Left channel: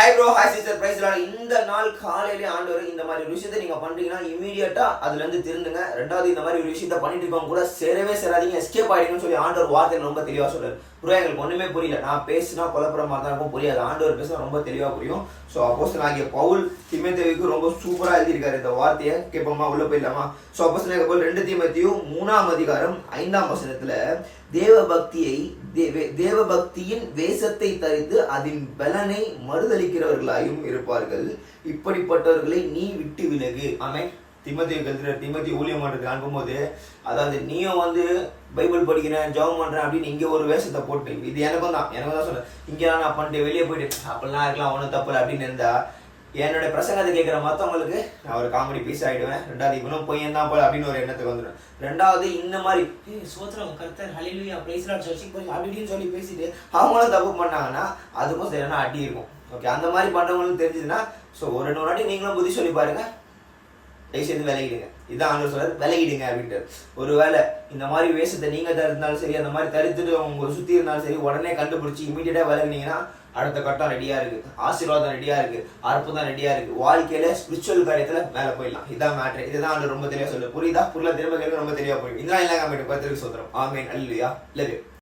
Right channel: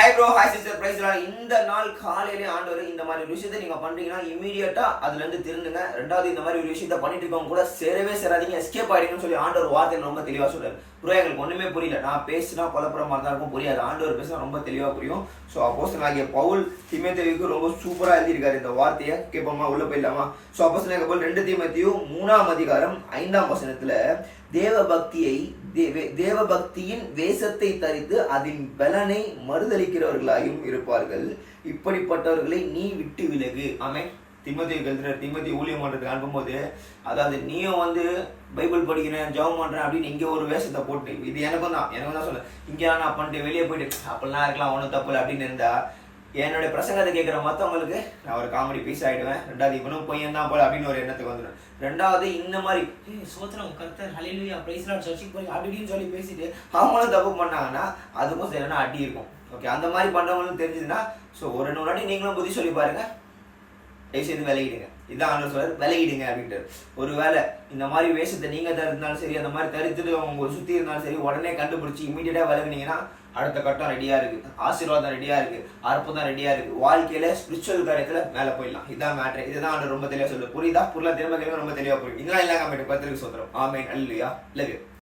Hi bro hi sister praise இந்த நாள் காலையிலே ஆண்டவர் இந்த மாதிரி ஒரு விஷயத்தை நீங்க பண்றீங்கன்னா இமீடியட்டா அதுல இருந்து திருந்துங்க. ரெண்டாவது இந்த மாதிரி ஒரு விஷயத்த பண்ணிட்டு இருக்கவங்க கூட சேரவே சேராதீங்க. எஸ்கேப் ஆயிடுங்கன்னு சொல்லி ஆண்டவர் வார்த்தையில ரொம்ப தெளிவா சொல்றாரு. ப்ரோ எங்களுக்கு ஒண்ணுமே புரியல. நான் பேசினா குழப்பற மாதிரி தான் இருக்கும். புரியாது. ஆண்டவர் பேசினா ரொம்ப தெளிவா புரியும். ஸோ அப்போஸ் ஆகிய பவுல் திமேத்தேவிக்கு ரொம்ப சூப்பரா எழுதியிருக்காரு இந்த வார்த்தையை. கேட்போமா? உள்ள போயிடலாமா? ஸோ அப்போஸ் ரெண்டு தீமத்தையும் மூணாம் அதிகாரம் ஐந்தாம் வசனத்துல தேவ பக்தியை தேவ- தேவ பக்தியின் வேஷத்தை தரித்து அதன் பலனை மறுதளிக்கிறவர்களாயும் இருப்பார்கள். இப்படிப்பட்டவர்களை நீ விட்டு விலகு. ஆமே திமதி கல்துற திமதி ஊழியம் பண்றதுக்கு அனுப்பும்போது அதாவது நீயும் வந்து பைபிள் படிக்கிறேன் ஜெபம் பண்றேன் அப்படின்னு இங்க ஒரு வேஷத்தை போட்டு இது எனக்கும் தான் எனக்கும் தான் சொல்றேன். இங்க நான் பண்ணிட்டு வெளியே போயிட்டு அப்படிலாம் இருக்கலாம் ஒன்றும் தப்பு இல்லை அப்படின்னு இருந்தா என்னோட பிரசங்கத்தை கேட்குற மற்றவங்களுக்கு நான் ஒரு காமெடி பீஸ் ஆகிடுவேன் ரெண்டாவது இவனும் பொய்யன் தான் போல அப்படின்னு ஒரு எண்ணத்துக்கு வந்துடும். ரெண்டாவது இந்த மாதிரி சோத்திரம் கர்த்தர் ஹலிலுயா பேசுகிறான் சர்ச்சுக்கு போய் அப்படின்னு சொல்லி பேசிட்டு அவங்களும் தப்பு பண்ணாங்கன்னா அதுக்கும் சரியான அடி இருக்கும். ஓகே அந்த மாதிரி பண்ணுறவங்களும் தெரிஞ்சதுன்னா ஸோ ஒரு ரெண்டு வாட்டி நீங்களும் புத்தி சொல்லி பாருங்கள் தயவுசெய்து விலகிடுங்க. இதான் ஆண்டவர் சொல்றாரு விலகிடுங்க அப்படின்ட்டு ஒரு வேலை இந்த மாதிரி வேஷத்தை நீங்க இருந்தாலும் சரி அந்த மாதிரி தரித்துட்டு அவங்க சுத்தி இருந்தாலும் சரி உடனே கண்டுபிடிச்சி இமீடியட்டா விலகினீங்கன்னா அடுத்த கட்டம் ரெடியா இருக்கு. ஆசீர்வாதம் ரெடியா இருக்கு. அற்புதம் ரெடியா இருக்கு. வாழ்க்கையில ஸ்பிரிச்சுவல் காரியத்துல மேல போயிடலாம். இதான் மேட்ரு இதுதான் அந்த ரொம்ப தெளிவா சொல்லு புரியுதா? புரியல திரும்ப கேட்க ரொம்ப தெளிவா புரியும் இதெல்லாம் எல்லாம் கம்மிட்டு பத்திரிக்கை சொல்றோம் ஆமேன். அல்லையா இல்லை